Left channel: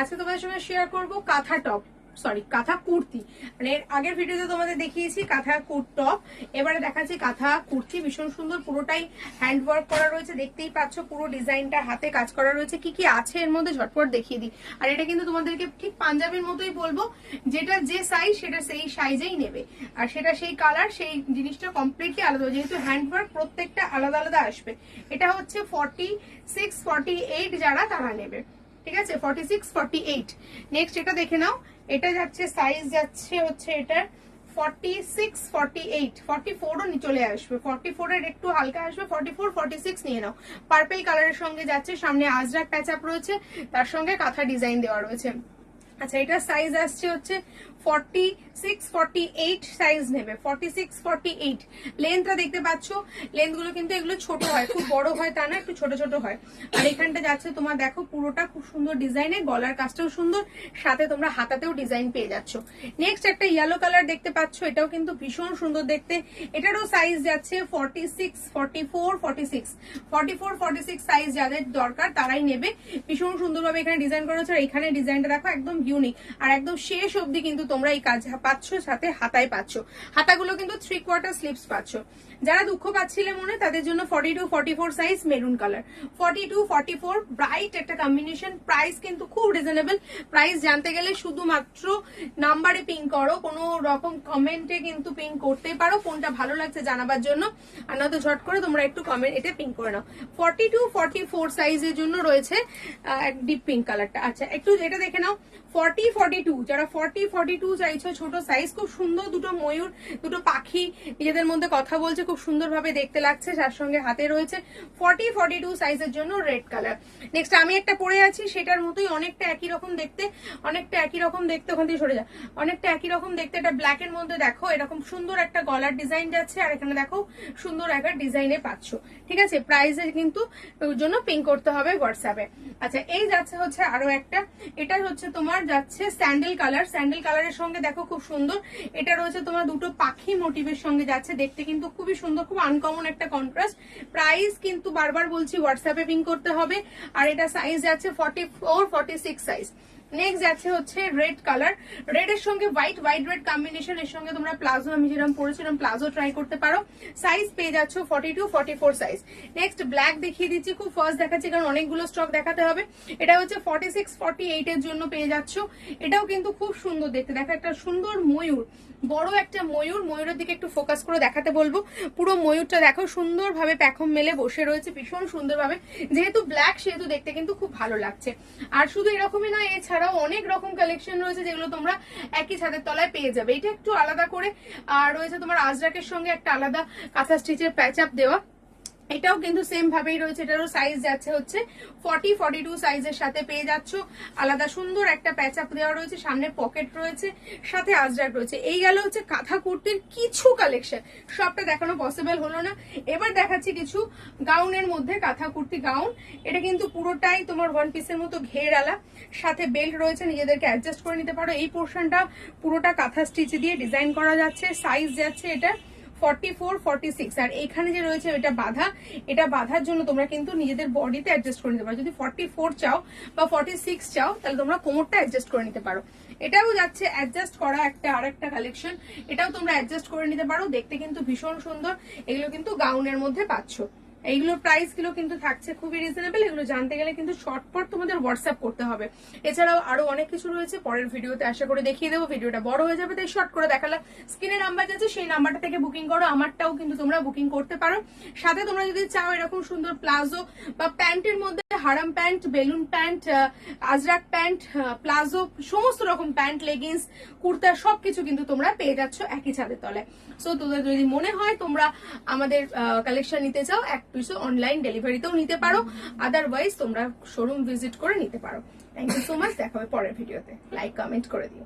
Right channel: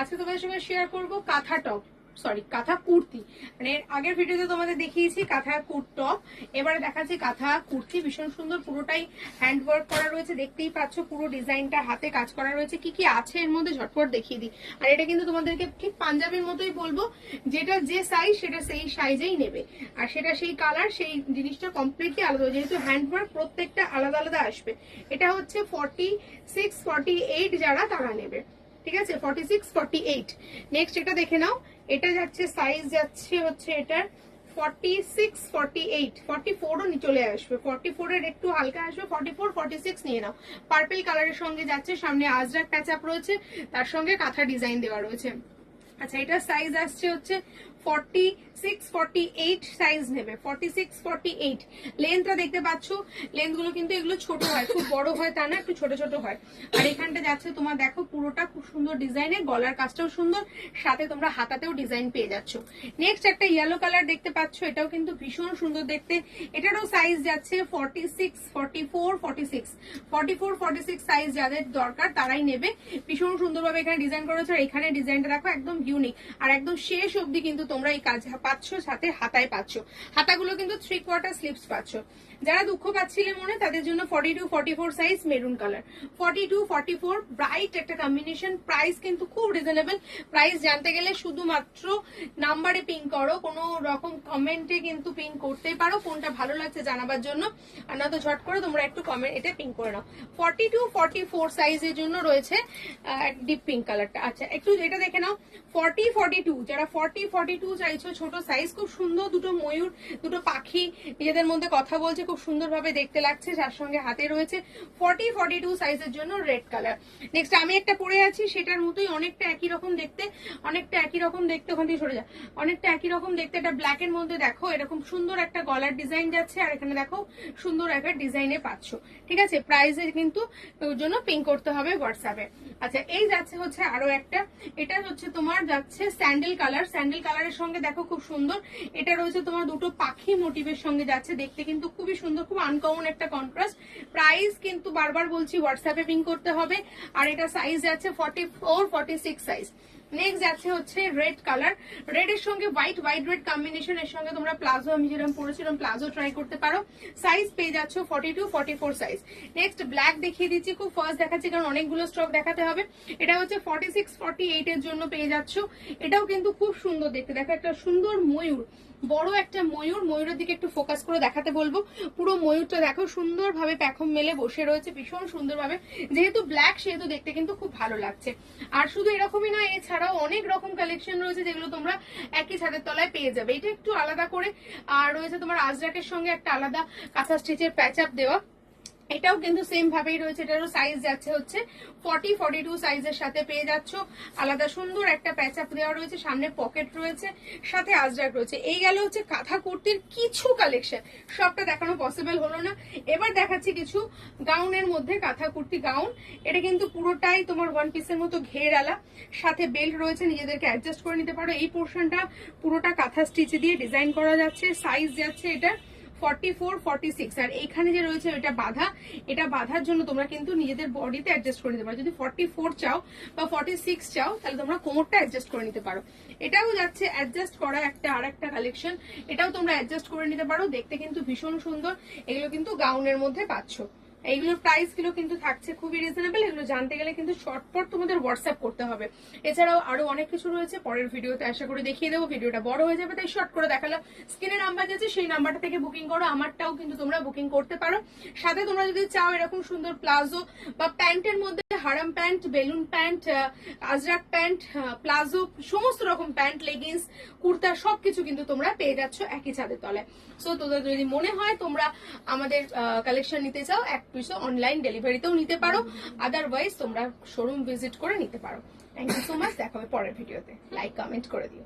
আজকে তোমাদের সঙ্গে শেয়ার করব কাঁথা টপ, সরি কাঁথা কুর্তি। মানে আগের ভিডিওতে তোমাদের দেখিয়েছি কাঁথা টপ, এবারে দেখাচ্ছি কাঁথা কুর্তি। ভীষণ সুন্দর, পুরোটাই হ্যান্ড ওয়ার্ক করা রয়েছে, দেখতেই পাচ্ছ পুরো ডিজাইনটা হাতে কাজ করা রয়েছে। কি কি আছে এর মধ্যে ঝটপট দেখিয়ে দিই। আর এটা কিন্তু তোমাদেরকে ঠিক পাঞ্জাবির মতোই বলবো, যেটা যে সাইজ সেটা সেই সাইজেই নেবে, আর সেটা সেই কালার সেই জিনিসটা কমপ্লিটলি আলাদা, যেহেতু হ্যান্ড ওয়ার্ক প্রত্যেকটা আলাদা আলাদা আসবে। এটা হচ্ছে 46, 48 যারা তারা নেবে, ঠিক আছে, 46, 48। নেক্সট এটা দেখে নাও, এটা যাচ্ছে সাইজ যাচ্ছে হচ্ছে এটার 46, 48, 44ও চলে আসবে, 44 এর একটু হালকা আসবে, 44, 46 নিয়ে নাও। পার্পল কালারের সঙ্গে যাচ্ছে, সামনে আজরাক প্যাচ আপ রয়েছে, তার সঙ্গে কাঁথা ডিজাইন দেওয়া রয়েছে। আচ্ছা, এটা সাইজ আসছে হচ্ছে 46, 48 সাইজ নেবে, 46, 48। লেন্থটা দেখতে পাচ্ছ, লেন্থ গুলো কিন্তু এগুলো ছোট হয়, খুব বড় হয় তা না, একটু ছোট ছোট হয়। আর এখানটা যাচ্ছে তোমার দেখো পুরোটা খুব সুন্দর ডিজাইনের, গলার কাজটাও সুন্দর, সাথে তোমরা হাতাতেও ডিজাইন পেয়ে যাচ্ছ। নেক্সট একটা ইয়েলো কালার দেখতে পাচ্ছ, এটাও কিন্তু ভীষণ সুন্দর দেখতে। এটারও সাইজ যাচ্ছে 46, 44, 46, 44, 46 সাইজ যাদের দরকার তারাই নেবে। ভীষণ সুন্দরভাবে এখানে ডিজাইন করা হচ্ছে, আর এখানে ডিজাইনটা দেখো একদম ইউনিক, আর একদম শেষ অবধি কিন্তু তোমরা এই কাজ পাচ্ছ, সাথে হাতায় পাচ্ছ। হাতাগুলো কিন্তু 3/4 স্লিভস পাচ্ছ। যারা দুঃখ পাচ্ছিলে মনে, তাদের জন্য 42, 44 সাইজ মেরুন কালার, 42, 44 ব্রাইট একটা কম্বিনেশন। প্রাইস কিন্তু খুব রিজনেবল। প্রাইস জানতে গেলে শুধুমাত্র নাম্বারে পিং করো, কোনো রকম কমেন্টে কিন্তু পিং করতেই পারো কোনটা ভালো লাগছে জানাবার জন্য, আর না তো ঝট করে তোমরা একটু কমেন্ট এটা পিং করে নাও। 42, 44 সাইজের জন্য রয়েছে ডিপ পিঙ্ক কালারটা। আচ্ছা, একটু এটা দেখে নাও 40, 42, যারা 40, 42 চাইছো ছোট সাইজ, খুব সুন্দর দুটো ময়ূর, দুটো পাখি নিজেদের মধ্যে কথা বলছে, খুব সুন্দরভাবে দেখতে লাগছে, যার সঙ্গে হাতে রয়েছে। 40, 42 সাইজের জন্য রেড কালার। নেক্সট আমি একটা পরে আছি, সেটার মতোই অনেকটা একই রকম দেখতে, অনেকটা একই রকম দেখতে, ওখান থেকে সরে যা, অনেকটা একই রকম দেখতে। এটা ব্ল্যাক এর মধ্যে দেখো এরকম সুন্দর একটা গলার ডিজাইন যাচ্ছে, আর এখানে দেখো সুন্দর একটা ডিজাইনে পাচ্ছ, ঠিক আছে। প্রাইসের কিন্তু জন্য পিং করতে হবে হোয়াটসঅ্যাপে। আচ্ছা, এই যাচ্ছে হচ্ছে আরো একটা, এটা হচ্ছে তোমার যাচ্ছে স্যান্ডেল কালার। স্যান্ডেল কালারের সঙ্গে দেখো খুব সুন্দর, এটা রয়েছে তোমার দুটো পাখি মোটিভের সঙ্গে যাচ্ছে, দেখতে কিন্তু খুবই সুন্দর, খুব আনকমন একটা কন্ট্রাস্ট। প্রাইস কিন্তু বারবার বলছি হোয়াটসঅ্যাপে পিং করতে হবে, আর এটা সাইজ যাচ্ছে 44, 46 সাইজ। নেক্সট যাচ্ছে হচ্ছে রেড কালার, রেড এর সঙ্গে হোয়াইট, হোয়াইট রেড কম্বিনেশন, এর সঙ্গে তোমরা প্লাজো, আমি যেরকম পরেছিলাম প্লাজো ট্রাই করতে পারো। সাইজ পেয়ে যাচ্ছ 42, 44 সাইজ। নেক্সট ব্ল্যাক দেখিয়ে দিচ্ছি, খুব ফার্স্ট দেখাচ্ছি কারণ অনেকগুলো স্টক দেখাতে হবে। এটা হচ্ছে 46, 48 এর জন্য পেয়ে যাচ্ছ। এটাও কিন্তু খুব সুন্দর দেখতে, দেখো একটা সুন্দর ময়ূর, বড় একটা ময়ূর, ময়ূরের দিকে একটু ফোকাস করে দেখাতে বলবো। পুরো ময়ূরটা দেখো সুন্দরভাবে প্যাখম মেলে বসে রয়েছে, ভীষণ সুন্দরভাবে, যেহেতু ব্ল্যাক সেহেতু দেখতে কিন্তু খুব ভালো লাগছে। আর শুধু এরকমই নয়, এছাড়াও অনেক রকম কালেকশন রয়েছে যেগুলো তোমরা একই ছাদের তলায় পেয়ে যাবে। এটা একটু আলাদা করে রয়েছে তোমার আজরাকের সঙ্গে একটা আলাদা কাঁথা স্টিচের প্যাচ আপ দেওয়া, এটাও কিন্তু সেম ভাবেই রয়েছে। এটারও সাইজ যাচ্ছে হচ্ছে 40, 42 সাইজের সাথে পেয়ে যাচ্ছ। আলাদা সুন্দর একটা প্যাচ আপ দেওয়া রয়েছে, সামনে পকেট রয়েছে, সাথে আজরাক রয়েছে। এই গেল হচ্ছে কাঁথা কুর্তির কিছু কালেকশন, সবটা দেখানো পসিবল হলো না। এবার দেখাচ্ছি কিছু গাউনের মধ্যে কাঁথা কুর্তি গাউন। এটা কিন্তু পুরোটাই তোমার ওয়ান পিসের মতো ঘের আলা, সাথে বেল্ট রয়েছে, নিজেদেরকে অ্যাডজাস্ট করে নিতে পারো। এই পোর্শনটা পুরোটা কাঁথা স্টিচ দিয়ে ডিজাইন করা যাচ্ছে। সাইজ যাচ্ছে এটা 44, 46, আর এখানে যে রয়েছে এটা বাঁধা, এটা বাঁধার জন্য তোমরা কিন্তু নিজেদের বডিতে অ্যাডজাস্ট করে নিতে পারো। যদি 44 চাও বা 46 চাও, তাহলে তোমরা কোমরটা অ্যাডজাস্ট করে নিতে পারো। এটাও যাচ্ছে অ্যাডজাস্ট করা একটা আর একটা কালেকশন, এটাও তোমরা অ্যাডজাস্ট করে নিতে পারো, দেখতে কিন্তু ভীষণ সুন্দর। এগুলো কিন্তু গাউনের মধ্যে পাচ্ছ। এইগুলোর প্রাইস গুলো কিন্তু থাকছে খুবই রিজনেবল। এগুলো জানতে গেলে কিন্তু শর্টকাট তোমাদের হোয়াটসঅ্যাপ করতে হবে। এছাড়াও আরো অনেক কিছু রয়েছে, পরের ভিডিওতে আশা করে দেখিয়ে দেবো। ভিডিওটা বড় হয়ে যাবে, তাই শর্ট করে দেখালাম। স্ক্রিনে নাম্বার যাচ্ছে, সেই নাম্বারটা থেকে বুকিং করো। আমারটাও কিন্তু তোমরা বুকিং করতে পারো। সাথে তোমরা যদি চাও এরকম সুন্দর প্লাজো বা প্যান্টের মধ্যে হারাম pant, balloon pant, Ajrak pant, palazzo, সমস্ত রকম প্যান্ট, লেগিংস, কুর্তা, সবকিছু কিন্তু তোমরা পেয়ে যাচ্ছ একই ছাদের তলে। সো তোদের যদি মনে হয় তোমরা আমাদের কালেকশন নিতে চাও, এক পিসও অনলাইন ডেলিভারিতেও নিতে পারো, আদারওয়াইজ তোমরা শোরুম ভিজিট করে নিতে পারো। থ্যাংক ইউ সো মাচ, দেখা হবে পরের ভিডিওতে। লাইক কমেন্ট করে দিও।